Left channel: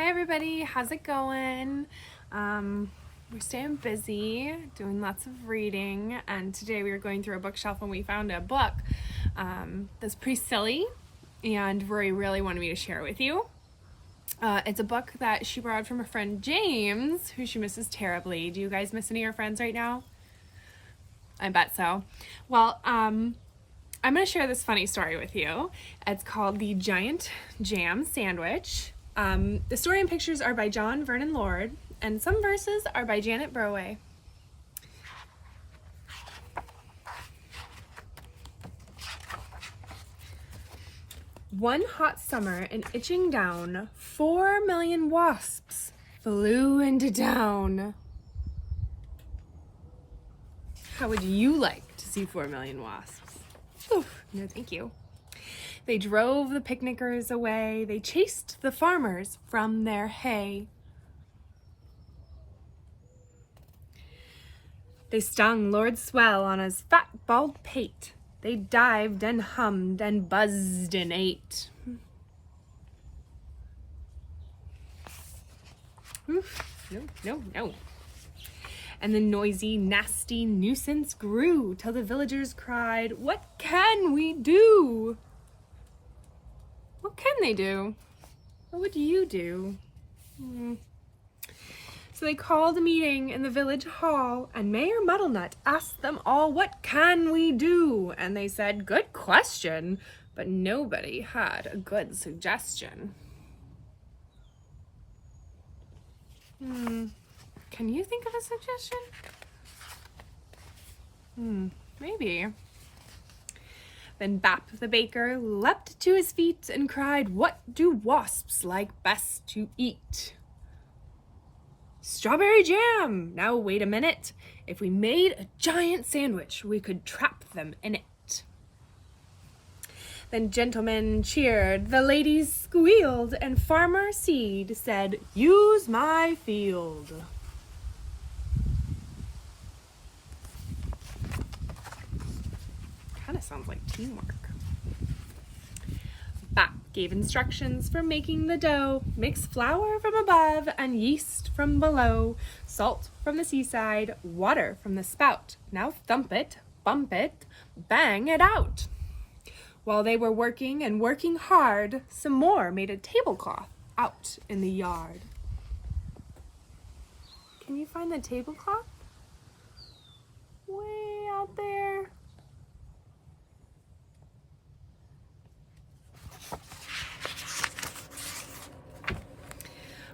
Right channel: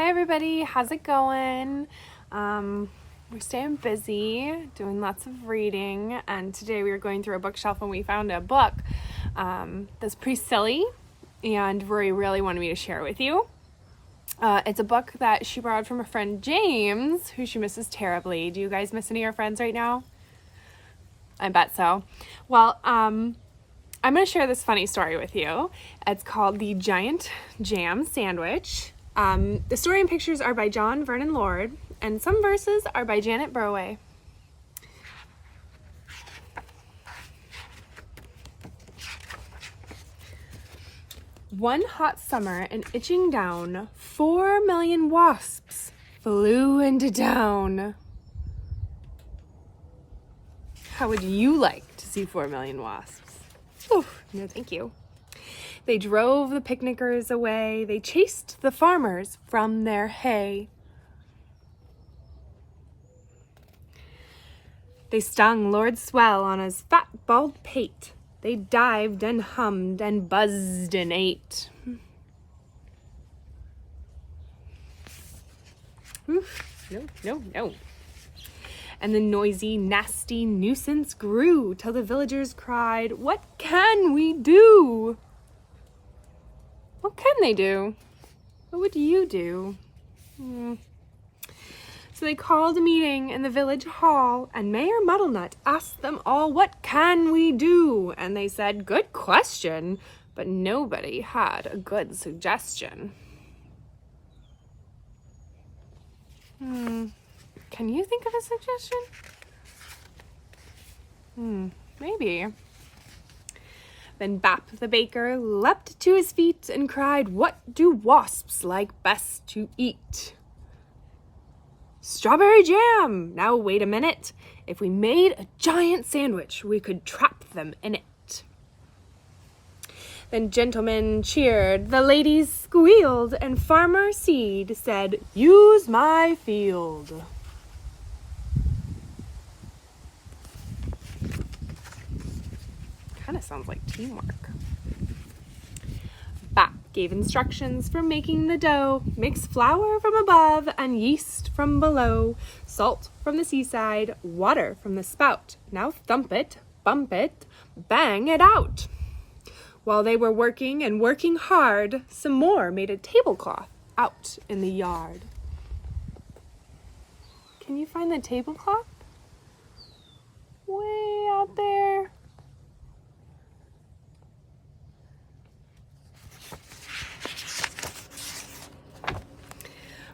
Hi everybody, how's it going? We're staying busy, doing lots of reading, and today we were going through a bookshelf and we found a book that's pretty silly, and Rory really wanted me to share it with you. It's a book that she borrowed from a friend, James, who she misses terribly. Do you guys miss any of your friends right now? I bet so. Well, I'm going to share this funny story with you. It's called The Giant Jam Sandwich. The story and pictures are by Vernon Lord, and some verses are by Janet Burroway. One hot summer and itching down, 4 million wasps flew into town. How would you like to see 4 million wasps? Oh, no thank you. They drove the picnickers away. They chased the farmers from their hay. They stung Lord Swell on his fat, bald pate. They dived and hummed and buzzed and ate. No. And the noisy, nasty nuisance grew till the villagers cried, "What can we do?" What can they do? What would you do? So they called a meeting in the village hall, and Mayor Muddlenut asked them all, "What can we do?" And they said, "Good question," but nobody had a good suggestion. Can you think of a suggestion? Maybe. Then Bap the baker leapt to his feet and cried, "What do wasps like best to eat?" "Strawberry jam! Now wait a minute. If we made a giant sandwich, we could trap them in it." Then gentlemen cheered, the ladies squealed, and Farmer Seed said, "Use my field." Kind of sounds like teamwork. Bap gave instructions for making the dough. Mix flour from above and yeast from below, salt from the seaside, water from the spout. Now thump it, bump it, bang it out. While they were working and working hard, some more made a tablecloth out in the yard. Can you find the tablecloth? Way out there.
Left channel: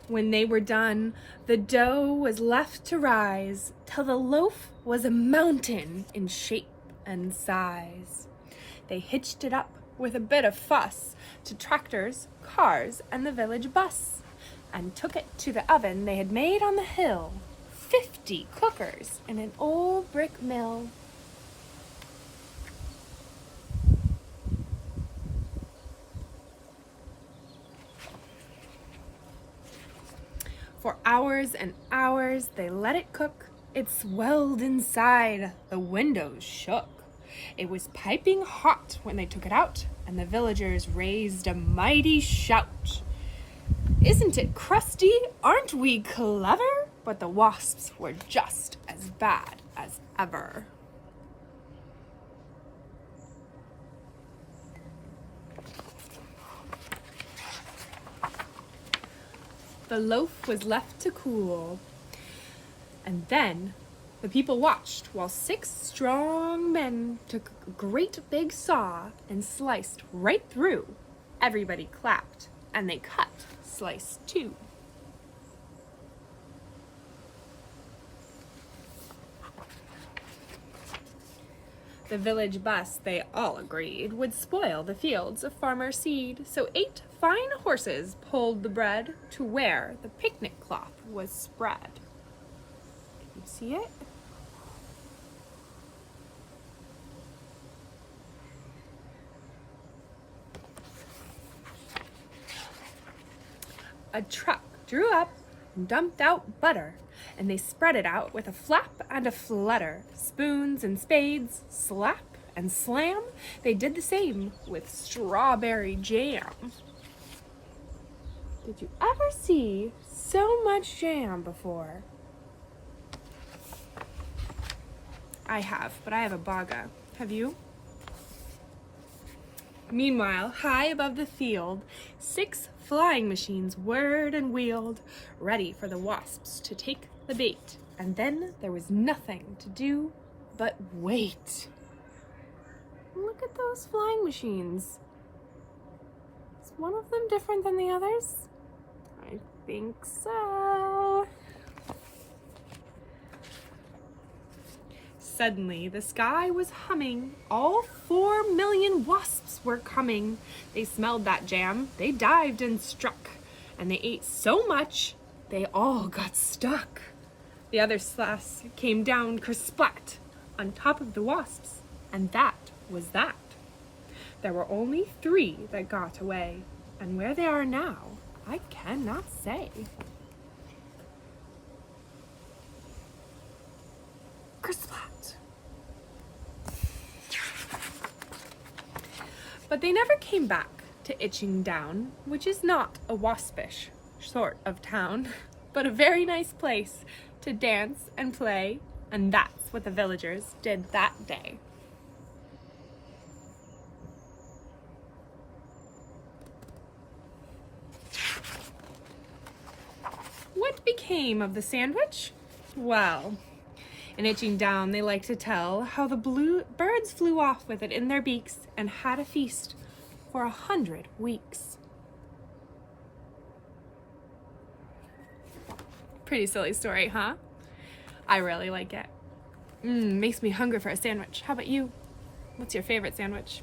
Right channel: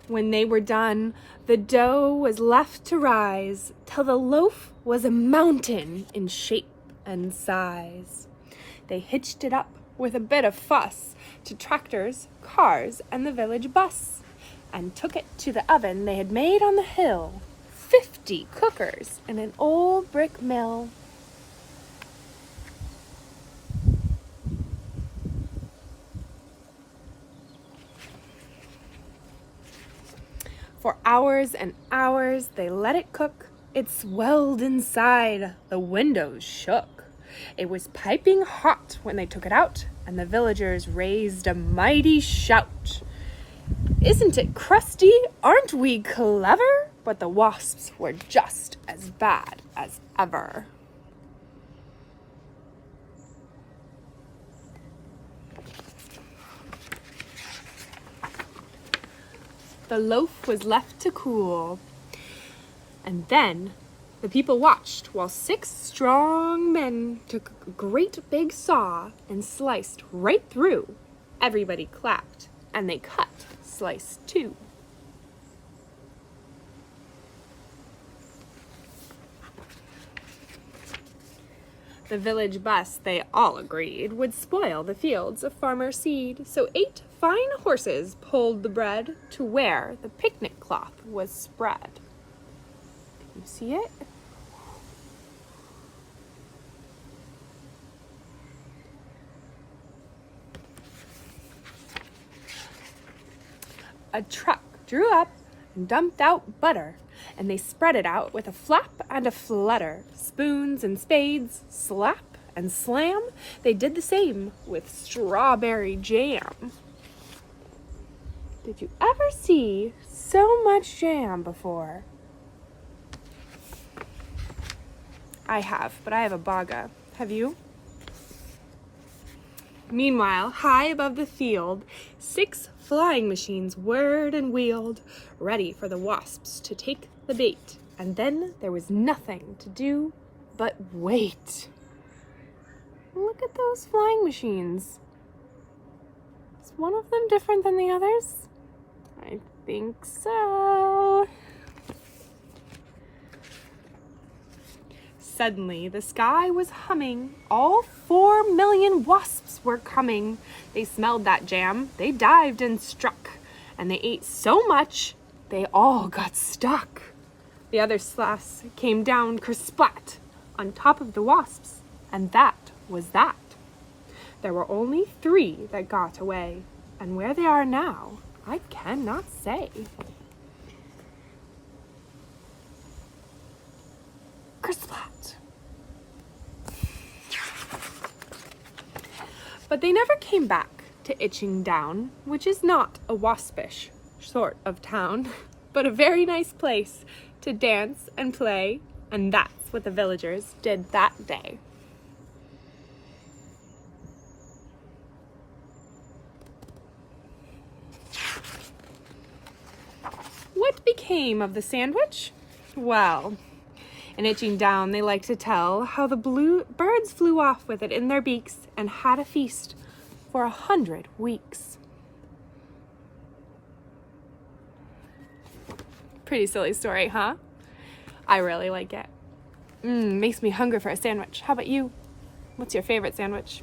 When they were done, the dough was left to rise till the loaf was a mountain in shape and size. They hitched it up with a bit of fuss to tractors, cars, and the village bus, and took it to the oven they had made on the hill. 50 cookers in an old brick mill. For hours and hours they let it cook. It swelled inside, the windows shook. It was piping hot when they took it out, and the villagers raised a mighty shout. "Isn't it crusty? Aren't we clever?" But the wasps were just as bad as ever. The loaf was left to cool, and then the people watched while 6 strong men took a great big saw and sliced right through. Everybody clapped, and they cut slice 2. The village bus, they all agreed, would spoil the fields of Farmer Seed, so 8 fine horses pulled the bread to where the picnic cloth was spread. Can you see it? A truck drew up and dumped out butter, and they spread it out with a flap and a flutter. Spoons and spades, slap and slam, they did the same with strawberry jam. Did you ever see so much jam before? I have, but I have a baga. Have you? Meanwhile, high above the field, 6 flying machines whirred and wheeled, ready for the wasps to take the bait. And then there was nothing to do but wait. Look at those flying machines. Is one of them different than the others? I think so. Suddenly, the sky was humming. All 4 million wasps were coming. They smelled that jam. They dived and struck. And they ate so much, they all got stuck. The other slash came down kersplat on top of the wasps. And that was that. There were only 3 that got away. And where they are now, I cannot say. Kersplat. But they never came back to Itching Down, which is not a waspish sort of town, but a very nice place to dance and play, and that's what the villagers did that day. What became of the sandwich? Well, in Itching Down, they like to tell how the blue birds flew off with it in their beaks and had a feast for 100 weeks. Pretty silly story, huh? I really like it. Makes me hungry for a sandwich. How about you? What's your favorite sandwich?